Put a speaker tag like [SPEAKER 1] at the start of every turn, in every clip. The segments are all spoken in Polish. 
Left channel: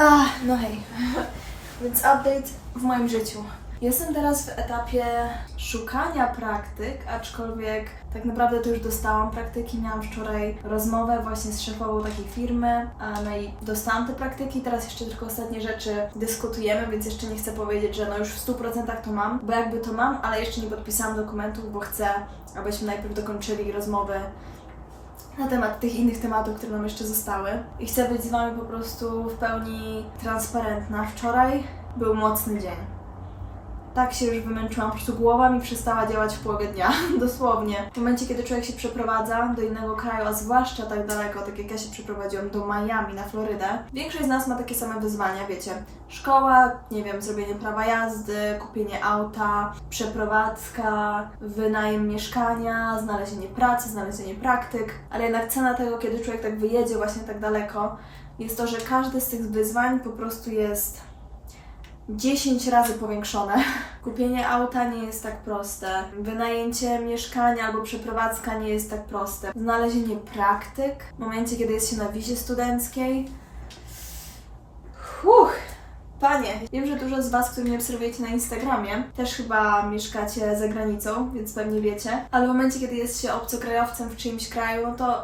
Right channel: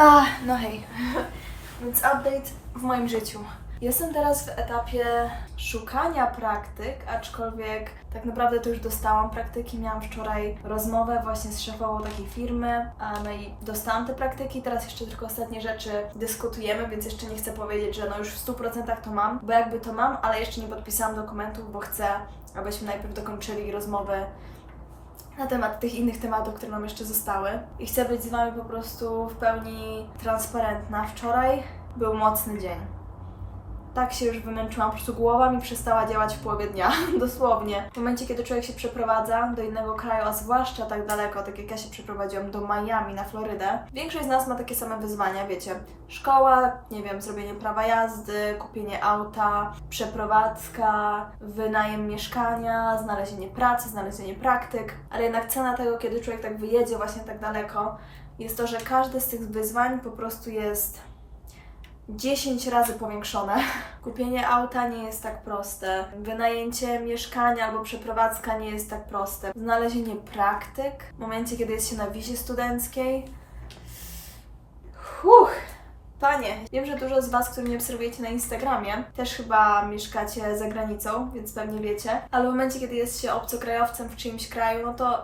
[SPEAKER 1] A, no hej. Więc update w moim życiu. Jestem teraz w etapie szukania praktyk, aczkolwiek tak naprawdę to już dostałam praktyki. Miałam wczoraj rozmowę właśnie z szefową takiej firmy, no i dostałam te praktyki. Teraz jeszcze tylko ostatnie rzeczy dyskutujemy, więc jeszcze nie chcę powiedzieć, że no już w 100% to mam, bo jakby to mam, ale jeszcze nie podpisałam dokumentów, bo chcę, abyśmy najpierw dokończyli rozmowy na temat tych innych tematów, które nam jeszcze zostały. I chcę być z Wami po prostu w pełni transparentna. Wczoraj był mocny dzień. Tak się już wymęczyłam, po prostu głowa mi przestała działać w połowie dnia, dosłownie. W momencie, kiedy człowiek się przeprowadza do innego kraju, a zwłaszcza tak daleko, tak jak ja się przeprowadziłam do Miami na Florydę, większość z nas ma takie same wyzwania, wiecie. Szkoła, nie wiem, zrobienie prawa jazdy, kupienie auta, przeprowadzka, wynajem mieszkania, znalezienie pracy, znalezienie praktyk, ale jednak cena tego, kiedy człowiek tak wyjedzie właśnie tak daleko, jest to, że każde z tych wyzwań po prostu jest 10 razy powiększone. Kupienie auta nie jest tak proste. Wynajęcie mieszkania albo przeprowadzka nie jest tak proste. Znalezienie praktyk w momencie, kiedy jest się na wizie studenckiej. Huch! Panie, wiem, że dużo z Was, którzy mnie obserwujecie na Instagramie, też chyba mieszkacie za granicą, więc pewnie wiecie, ale w momencie, kiedy jest się obcokrajowcem w czyimś kraju, no to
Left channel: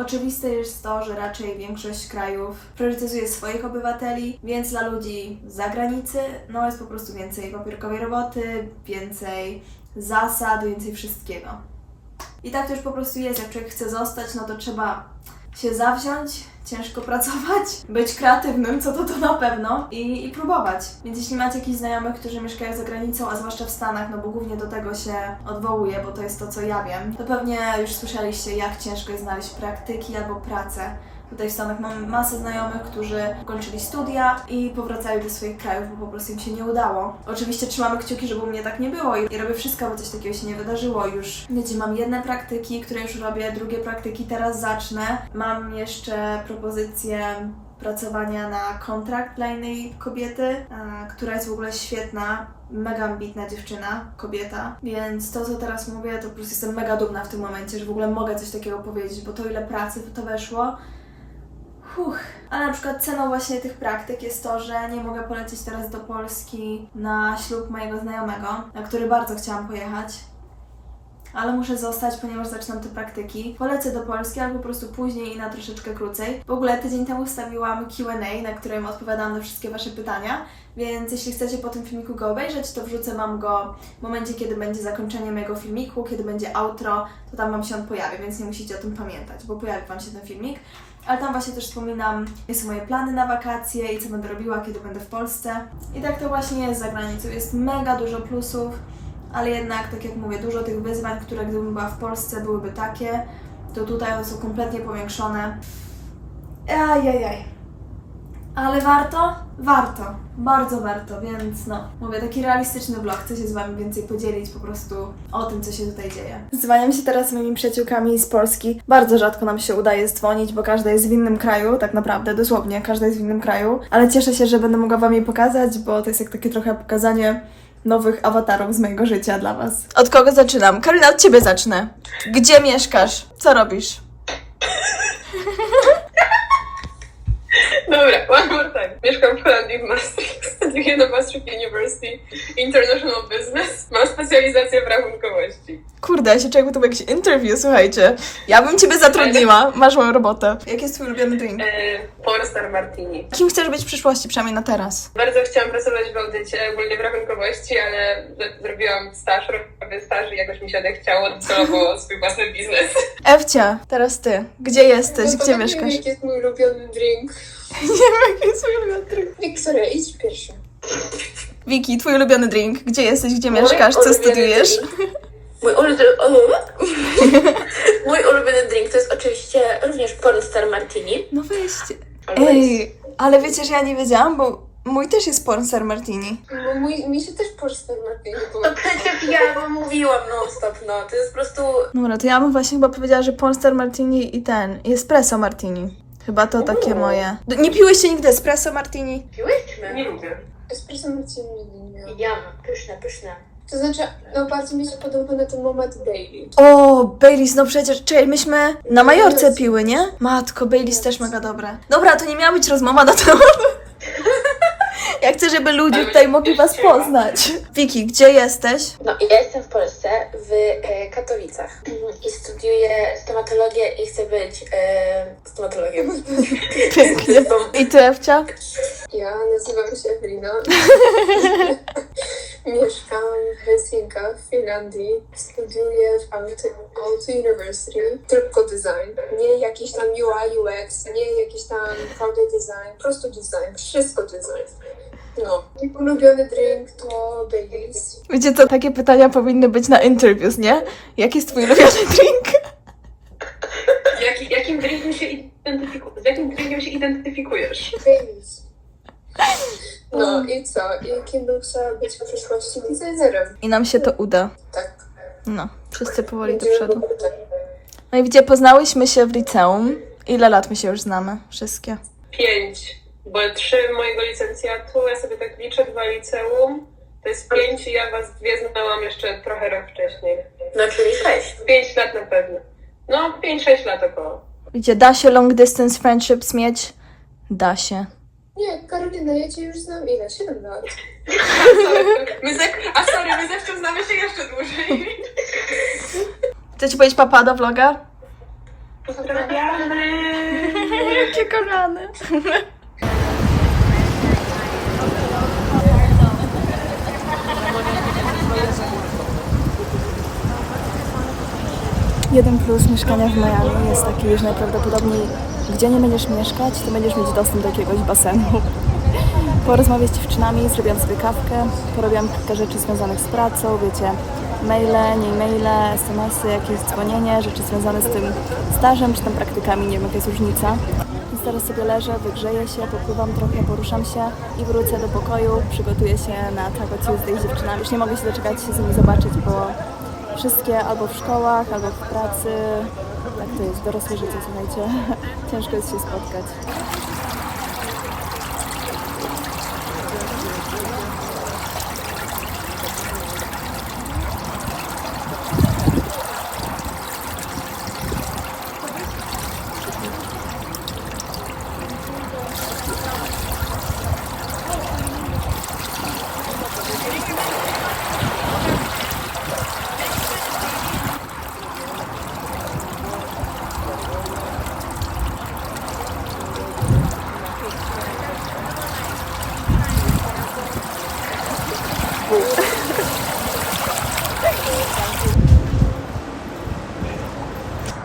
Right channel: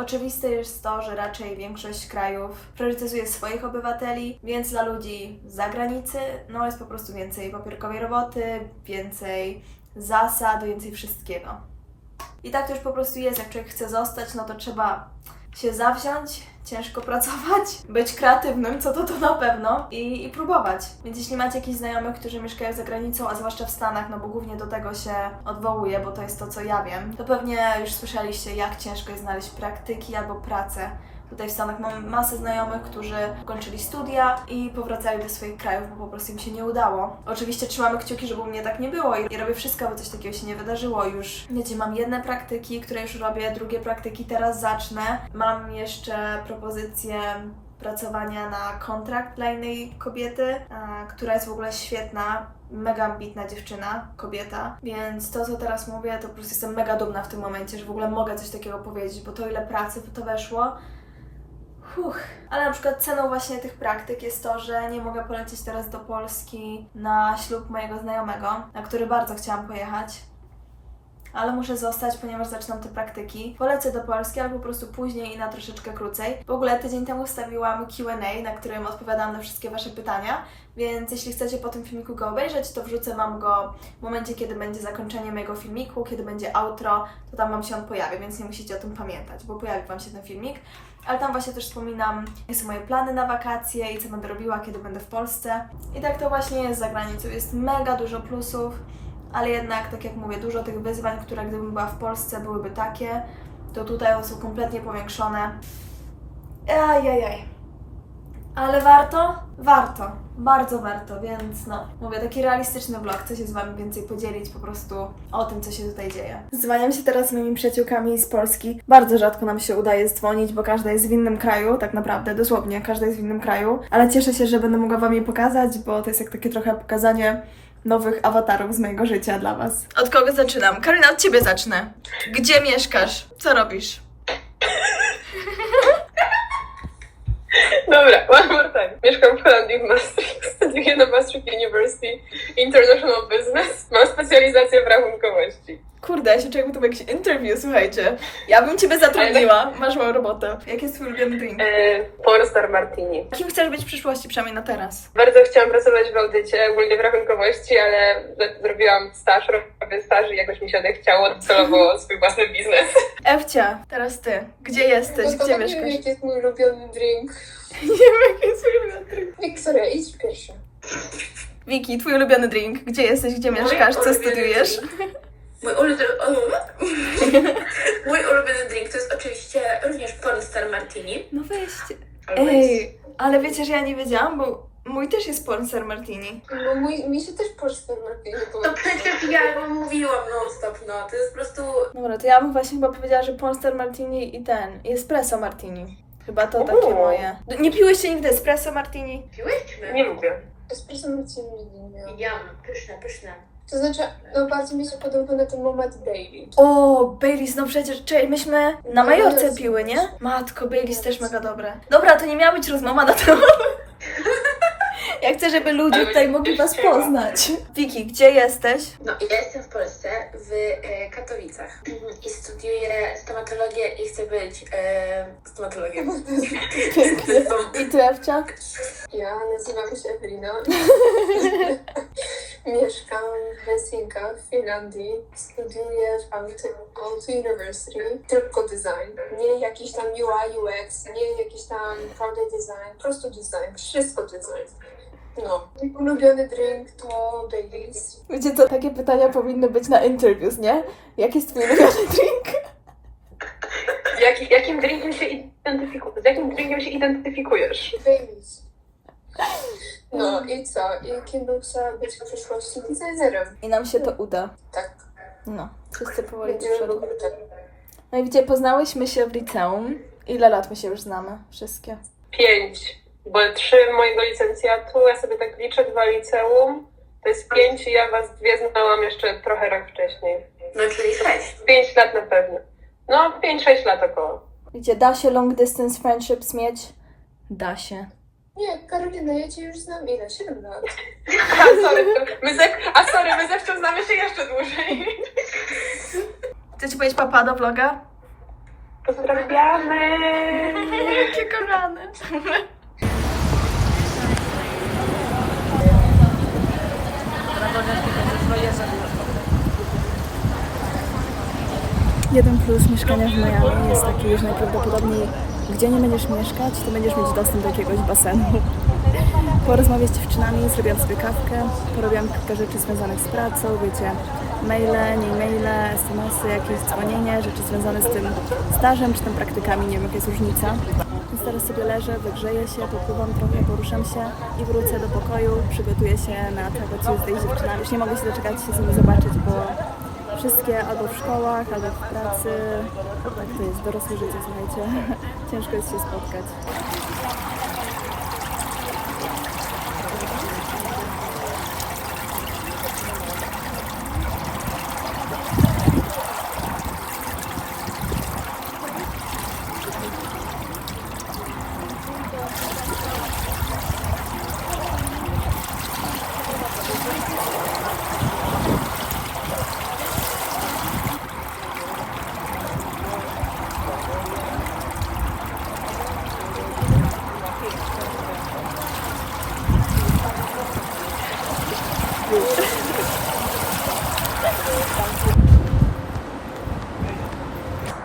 [SPEAKER 1] Oczywiste jest to, że raczej większość krajów priorytetyzuje swoich obywateli, więc dla ludzi z zagranicy no jest po prostu więcej papierkowej roboty, więcej zasad, więcej wszystkiego. I tak to już po prostu jest, jak człowiek chce zostać, no to trzeba się zawziąć, ciężko pracować, być kreatywnym, co to to na pewno, i, i próbować. Więc jeśli macie jakichś znajomych, którzy mieszkają za granicą, a zwłaszcza w Stanach, no bo głównie do tego się odwołuję, bo to jest to, co ja wiem, to pewnie już słyszeliście, jak ciężko jest znaleźć praktyki albo pracę. Tutaj w Stanach mam masę znajomych, którzy kończyli studia i powracali do swoich krajów, bo po prostu im się nie udało. Oczywiście trzymamy kciuki, żeby u mnie tak nie było i robię wszystko, aby coś takiego się nie wydarzyło. Już, wiecie, mam jedne praktyki, które już robię, drugie praktyki teraz zacznę. Mam jeszcze propozycję pracowania na kontrakt dla innej kobiety, a, która jest w ogóle świetna, mega ambitna dziewczyna, kobieta, więc to, co teraz mówię, to po prostu jestem mega dumna w tym momencie, że w ogóle mogę coś takiego powiedzieć, bo to ile pracy w to weszło, Huch. Ale na przykład ceną właśnie tych praktyk jest to, że nie mogę polecieć teraz do Polski na ślub mojego znajomego, na który bardzo chciałam pojechać. Ale muszę zostać, ponieważ zaczynam te praktyki. Polecę do Polski, ale po prostu później i na troszeczkę krócej. W ogóle tydzień temu wstawiłam QA, na którym odpowiadałam na wszystkie Wasze pytania, więc jeśli chcecie po tym filmiku go obejrzeć, to wrzucę Wam go w momencie, kiedy będzie zakończenie mojego filmiku, kiedy będzie outro, to tam Wam się on pojawi, więc nie musicie o tym pamiętać, bo pojawi Wam się ten filmik. Ale tam właśnie też wspominam, jakie są moje plany na wakacje i co będę robiła, kiedy będę w Polsce. I tak to właśnie jest za granicą. Jest mega dużo plusów, ale jednak, tak jak mówię, dużo tych wyzwań, które gdybym była w Polsce byłyby takie, to tutaj one są kompletnie powiększone. Ajajaj. Ale warto? Warto. Bardzo warto, więc no, mówię, taki realistyczny vlog. Chcę się z Wami więcej podzielić po prostu o tym, co się tutaj dzieje. Zwaniam się teraz z moimi przyjaciółkami z Polski. Bardzo rzadko nam się udaje dzwonić, bo każda jest w innym kraju, tak naprawdę, dosłownie, każda jest w innym kraju. Ale cieszę się, że będę mogła Wam je pokazać, bo to jest jak takie trochę pokazanie nowych awatarów z mojego życia dla Was. Od kogo zaczynam? Karolina, od Ciebie zacznę. Gdzie mieszkasz? Co robisz?
[SPEAKER 2] Dobra, one more time. Mieszkam w Holandii w Maastricht, studiuję na Maastricht University International Business. Mam specjalizację w rachunkowości.
[SPEAKER 1] Kurde, ja się czuję, jakby to był jakiś interview, słuchajcie. Ja bym Ciebie zatrudniła, masz moją robotę. Jaki jest Twój ulubiony drink?
[SPEAKER 2] E, Martini.
[SPEAKER 1] Kim chcesz być w przyszłości, przynajmniej na teraz?
[SPEAKER 2] Bardzo chciałam pracować w audycie, ogólnie w rachunkowości, ale zrobiłam staż, robię staż i jakoś mi się odechciało celowo swój własny biznes.
[SPEAKER 1] Ewcia, teraz Ty. Gdzie jesteś?
[SPEAKER 2] No to
[SPEAKER 1] Gdzie
[SPEAKER 2] tak nie wiem,
[SPEAKER 1] mieszkasz?
[SPEAKER 2] jaki jest mój ulubiony drink.
[SPEAKER 1] Nie wiem, jaki jest mój ulubiony drink.
[SPEAKER 2] Wiktoria, idź pierwsza.
[SPEAKER 1] Wiki, Twój ulubiony drink. Gdzie jesteś? Gdzie
[SPEAKER 2] Mój
[SPEAKER 1] mieszkasz? Co studiujesz?
[SPEAKER 2] drink. Mój ulubiony, mój ulubiony drink to jest oczywiście również Pornstar Martini.
[SPEAKER 1] No weźcie. Ej, ale wiecie, że ja nie wiedziałam, bo mój też jest Pornstar Martini.
[SPEAKER 2] No mój, mi się też Pornstar Martini To przecież ja wam mówiłam non stop, no. To jest po prostu...
[SPEAKER 1] Dobra, to ja bym właśnie chyba powiedziała, że Pornstar Martini i ten, i Espresso Martini. Chyba to takie
[SPEAKER 2] O.
[SPEAKER 1] moje. D- Nie piłyście nigdy Espresso Martini?
[SPEAKER 2] Piłyśmy? Nie lubię.
[SPEAKER 3] Espresso martini nigdy nie miałam.
[SPEAKER 2] Ja, pyszne, pyszne.
[SPEAKER 3] To znaczy, no bardziej mi się podoba na ten moment daily.
[SPEAKER 1] O, Baileys, no przecież, czekaj, myśmy na Majorce piły, nie? Matko, Baileys też mega dobre. Dobra, to nie miała być rozmowa na temat. chcę, żeby ludzie tutaj mogli was poznać. Wiki, gdzie jesteś?
[SPEAKER 3] No ja jestem w Polsce, w e, Katowicach i studiuję stomatologię i chcę być e, stomatologiem.
[SPEAKER 1] Pięknie. I ty, Ewcia?
[SPEAKER 3] Ja nazywam się Ewelina. Mieszkam w Helsinkach, w Finlandii. Studiuję w Aalto University. Tylko design. Nie jakiś tam UI, UX, nie jakiś tam product design. Po prostu design. Wszystko design. No. Mój ulubiony drink to Baileys.
[SPEAKER 1] Wiecie co, takie pytania powinny być na interviews, nie? Jaki jest twój ulubiony drink?
[SPEAKER 2] Jaki, jakim drinkiem się identyfikujesz? Z jakim drinkiem się identyfikujesz?
[SPEAKER 3] Baileys. No i co? I kim bym chciała być w przyszłości designerem?
[SPEAKER 1] I nam się to uda.
[SPEAKER 3] Tak.
[SPEAKER 1] No, wszyscy powoli do
[SPEAKER 3] Będziemy
[SPEAKER 1] przodu.
[SPEAKER 3] tak.
[SPEAKER 1] No i gdzie poznałyśmy się w liceum? Ile lat my się już znamy? Wszystkie.
[SPEAKER 2] Pięć. Bo trzy mojego licencjatu, ja sobie tak liczę, dwa liceum. To jest pięć i ja was dwie znałam jeszcze trochę rok wcześniej.
[SPEAKER 3] No czyli sześć.
[SPEAKER 2] Pięć lat na pewno. No, pięć, sześć lat około.
[SPEAKER 1] Gdzie da się long distance friendships mieć? Da się.
[SPEAKER 3] Nie, Karolina, ja cię już znam ile? Siedem lat.
[SPEAKER 2] A sorry, my ze, a sorry, my znamy się jeszcze dłużej.
[SPEAKER 1] Chcecie powiedzieć papa do vloga?
[SPEAKER 2] Pozdrawiamy!
[SPEAKER 1] Jakie kochane. Jeden plus mieszkania w Miami jest taki, że najprawdopodobniej gdzie nie będziesz mieszkać, to będziesz mieć dostęp do jakiegoś basenu. Porozmawiać z dziewczynami, zrobiłam sobie kawkę, porobiłam kilka rzeczy związanych z pracą, wiecie, maile, nie maile, smsy, jakieś dzwonienie, rzeczy związane z tym stażem czy tam praktykami, nie wiem jaka jest różnica. Więc teraz sobie leżę, wygrzeję się, popływam trochę, poruszam się i wrócę do pokoju, przygotuję się na Taco Tuesday z dziewczynami. Już nie mogę się doczekać się z nimi zobaczyć, bo wszystkie albo w szkołach, albo w pracy. Tak to jest, dorosłe życie, słuchajcie. Ciężko jest się spotkać.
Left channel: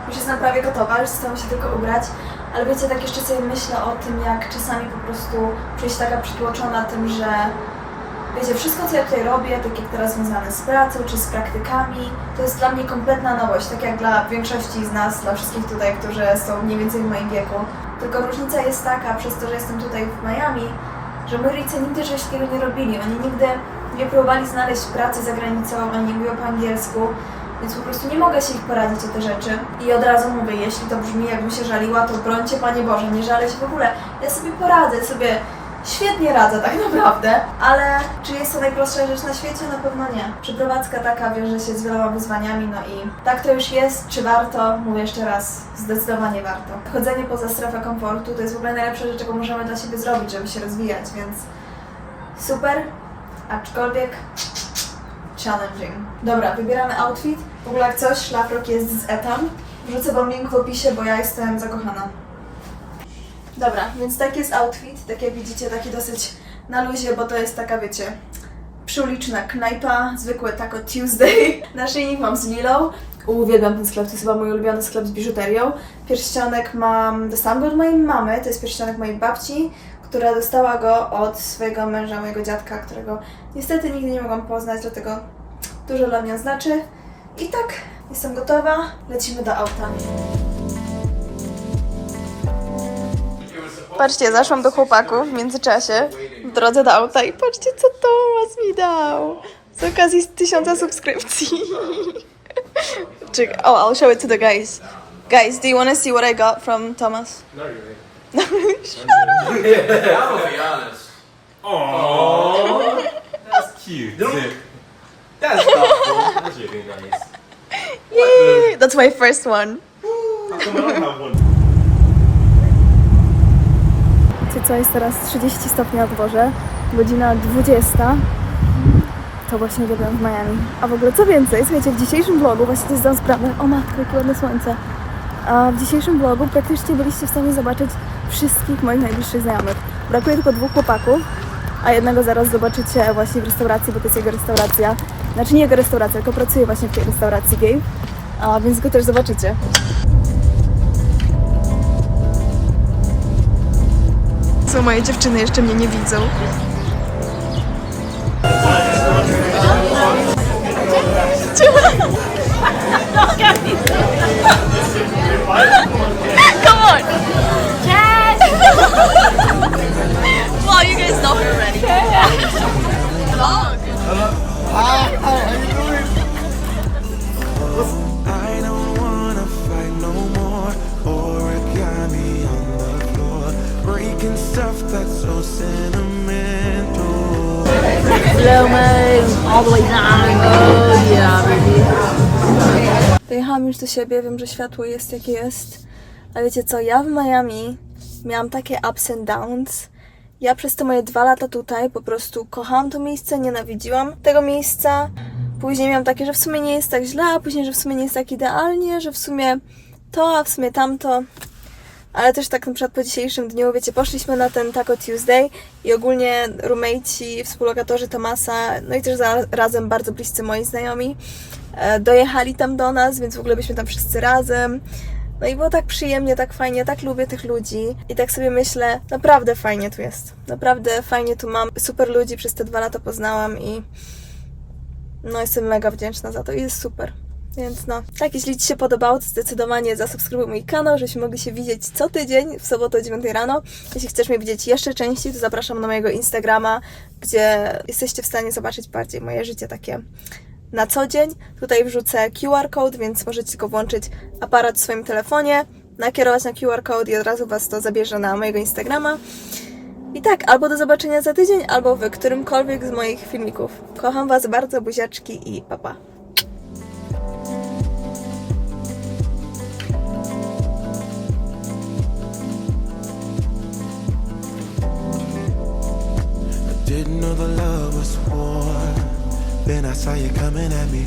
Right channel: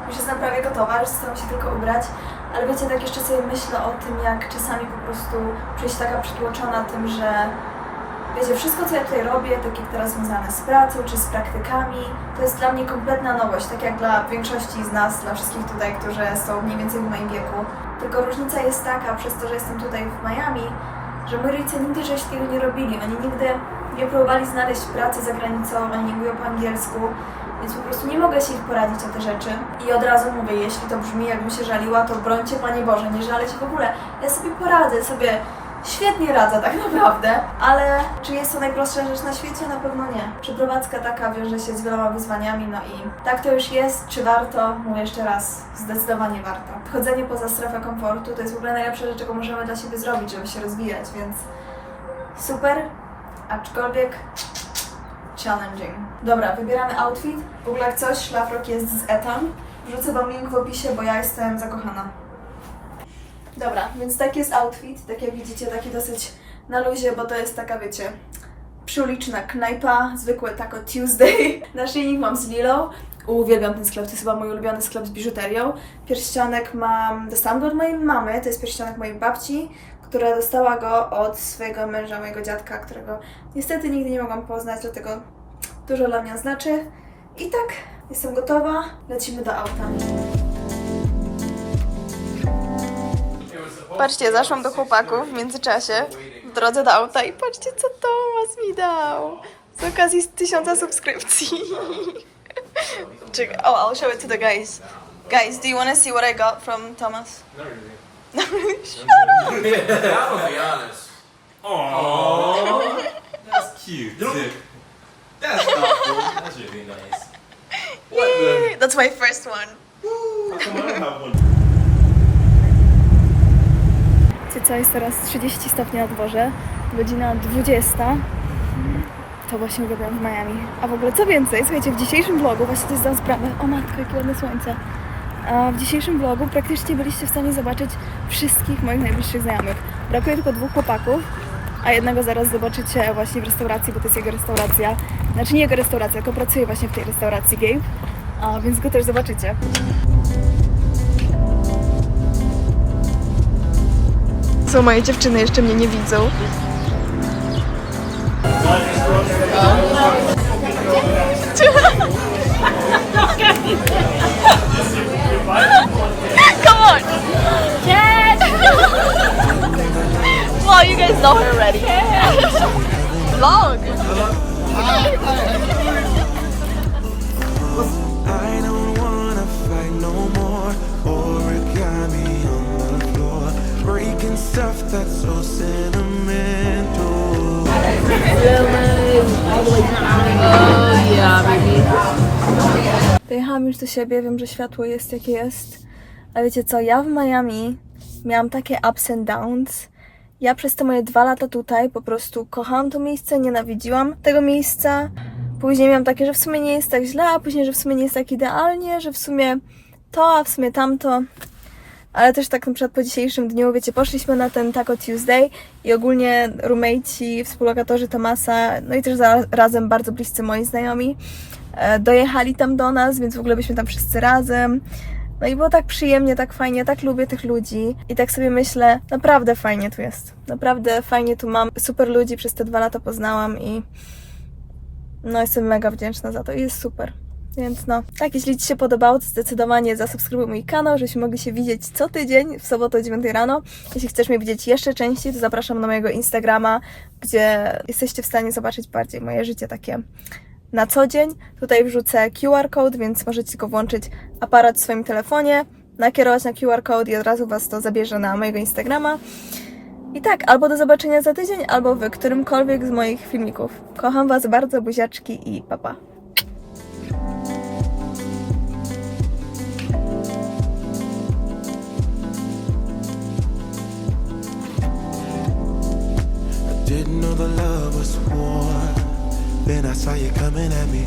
[SPEAKER 1] Już jestem zostało się tylko ubrać, ale wiecie, tak jeszcze sobie myślę o tym, jak czasami po prostu czuję się taka przytłoczona tym, że wiecie, wszystko co ja tutaj robię, tak jak teraz związane z pracą czy z praktykami, to jest dla mnie kompletna nowość, tak jak dla większości z nas, dla wszystkich tutaj, którzy są mniej więcej w moim wieku. Tylko różnica jest taka, przez to, że jestem tutaj w Miami, że moi rodzice nigdy czegoś takiego nie robili. Oni nigdy nie próbowali znaleźć pracy za granicą, oni nie mówią po angielsku, więc po prostu nie mogę się ich poradzić o te rzeczy. I od razu mówię, jeśli to brzmi jakbym się żaliła, to brońcie Panie Boże, nie żalę się w ogóle. Ja sobie poradzę, sobie świetnie radzę tak naprawdę, ale czy jest to najprostsza rzecz na świecie? Na pewno nie. Przeprowadzka taka wiąże się z wieloma wyzwaniami, no i tak to już jest. Czy warto? Mówię jeszcze raz, zdecydowanie warto. Chodzenie poza strefę komfortu to jest w ogóle najlepsza rzecz, jaką możemy dla siebie zrobić, żeby się rozwijać, więc super, aczkolwiek challenging. Dobra, wybieramy outfit. W ogóle jak coś, szlafrok jest z Etam. Wrzucę Wam link w opisie, bo ja jestem zakochana. Dobra, więc taki jest outfit. Tak jak widzicie, taki dosyć na luzie, bo to jest taka, wiecie, przyuliczna knajpa, zwykłe Taco Tuesday. Naszyjnik mam z Lilą. Uwielbiam ten sklep, to jest chyba mój ulubiony sklep z biżuterią. Pierścionek mam, dostałam go od mojej mamy, to jest pierścionek mojej babci, która dostała go od swojego męża, mojego dziadka, którego niestety nigdy nie mogłam poznać, dlatego dużo dla mnie znaczy. I tak, jestem gotowa, lecimy do auta. Patrzcie, zaszłam do chłopaków w międzyczasie w drodze do auta i patrzcie, co Tomas mi dał. Z okazji z tysiąca subskrypcji. Czekaj, oh, I'll show it to the guys. Guys, do you want to see what I got from Thomas?
[SPEAKER 4] Not really.
[SPEAKER 1] Up.
[SPEAKER 4] I'll be honest.
[SPEAKER 5] Aww, that's cute.
[SPEAKER 4] That's thoughtful. That's really nice.
[SPEAKER 1] Yay! That's my first one.
[SPEAKER 5] How
[SPEAKER 1] co, jest teraz 30 stopni na dworze, godzina 20. To właśnie robią w Miami. A w ogóle co więcej, słuchajcie, w dzisiejszym vlogu, właśnie to zdam sprawę, o matko, jakie ładne słońce. A w dzisiejszym vlogu praktycznie byliście w stanie zobaczyć wszystkich moich najbliższych znajomych. Brakuje tylko dwóch chłopaków, a jednego zaraz zobaczycie właśnie w restauracji, bo to jest jego restauracja. Znaczy nie jego restauracja, tylko pracuje właśnie w tej restauracji Gabe, a więc go też zobaczycie. Co moje dziewczyny jeszcze mnie nie widzą. Come on! Dojechałam już do siebie, wiem, że światło jest jakie jest. A wiecie co, ja w Miami miałam takie ups and downs. Ja przez te moje dwa lata tutaj po prostu kochałam to miejsce, nienawidziłam tego miejsca. Później miałam takie, że w sumie nie jest tak źle, a później, że w sumie nie jest tak idealnie, że w sumie to, a w sumie tamto. Ale też tak na przykład po dzisiejszym dniu, wiecie, poszliśmy na ten Taco Tuesday i ogólnie roommateci, współlokatorzy Tomasa, no i też razem bardzo bliscy moi znajomi, e, dojechali tam do nas, więc w ogóle byliśmy tam wszyscy razem. No i było tak przyjemnie, tak fajnie, tak lubię tych ludzi i tak sobie myślę, naprawdę fajnie tu jest. Naprawdę fajnie tu mam. Super ludzi przez te dwa lata poznałam i no jestem mega wdzięczna za to i jest super. Więc no, tak, jeśli Ci się podobało, to zdecydowanie zasubskrybuj mój kanał, żebyśmy mogli się widzieć co tydzień w sobotę o 9 rano. Jeśli chcesz mnie widzieć jeszcze częściej, to zapraszam na mojego Instagrama, gdzie jesteście w stanie zobaczyć bardziej moje życie takie na co dzień. Tutaj wrzucę QR code, więc możecie go włączyć aparat w swoim telefonie, nakierować na QR code i od razu Was to zabierze na mojego Instagrama. I tak, albo do zobaczenia za tydzień, albo w którymkolwiek z moich filmików. Kocham Was bardzo, buziaczki i papa. Pa.
[SPEAKER 6] Love was war. Then I saw you coming at me.